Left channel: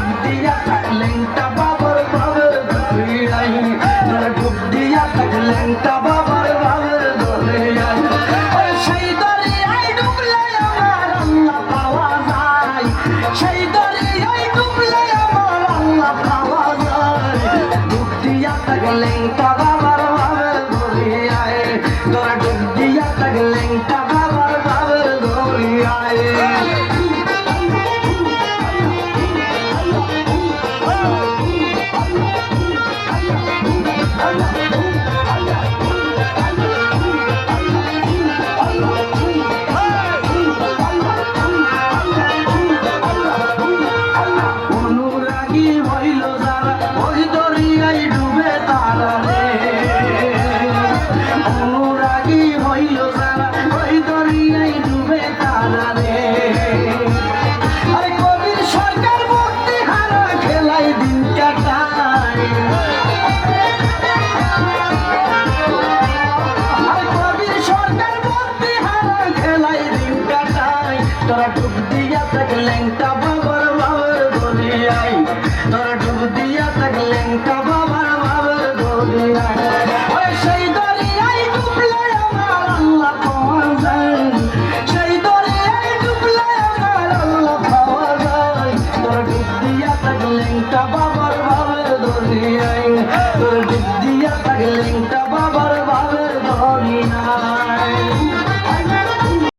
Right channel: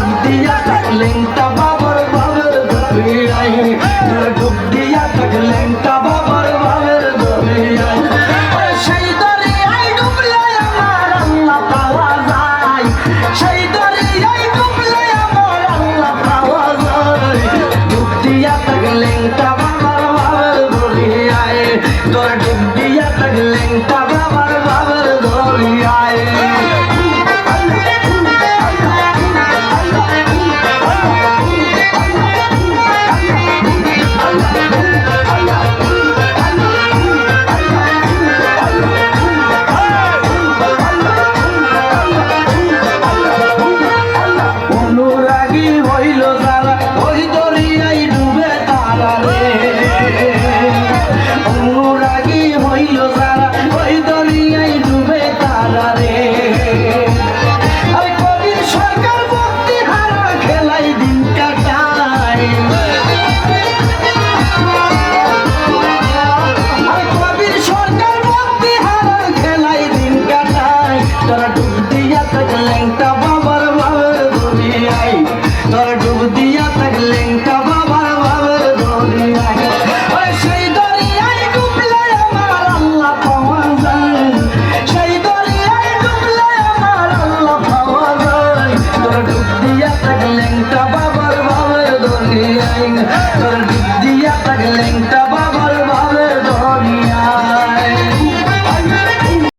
ডুব দিয়া থাকলেনটা বাবার বাবার দরিয়ায় তোরা ডুব দিয়া থাকলেনটা বাবার বাবার দরিয়ায় সেই দরিয়ায় ডুবলে আমার আল্লাহ পাওয়া যায় সেই দরিয়ায় ডুবলে আমার আল্লাহ পাওয়া যায় ডুব দিয়া থাকলেনটা বাবার বাবার দরিয়ায় তোরা ডুব দিয়া থাকলেনটা বাবার বাবার দরিয়ায় অনুরাগী হইল যারা ওই দরিয়ায় ডুবে তারা রে অনুরাগী হইল যারা ওই দরিয়ায় ডুবে তারা রে আরে কবির সরকার ভক্তি হারা খেলাই দিন কাটায় আরে কবির সরকার ভক্তি হারা খেলাই দিন কাটায় তোরা ডুব দিয়া থাকলেনটা বাবার বাবার দরিয়ায় তোরা ডুব দিয়া থাকলেনটা বাবার বাবার দরিয়ায় সেই দরিয়ায় ডুবলে আমার আল্লাহ পাওয়া যায় সেই দরিয়ায় ডুবলে আমার আল্লাহ পাওয়া যায় তোরা ডুব দিয়া থাকলেনটা বাবার বাবার দরিয়ায় তোরা ডুব দিয়া থাকলেনটা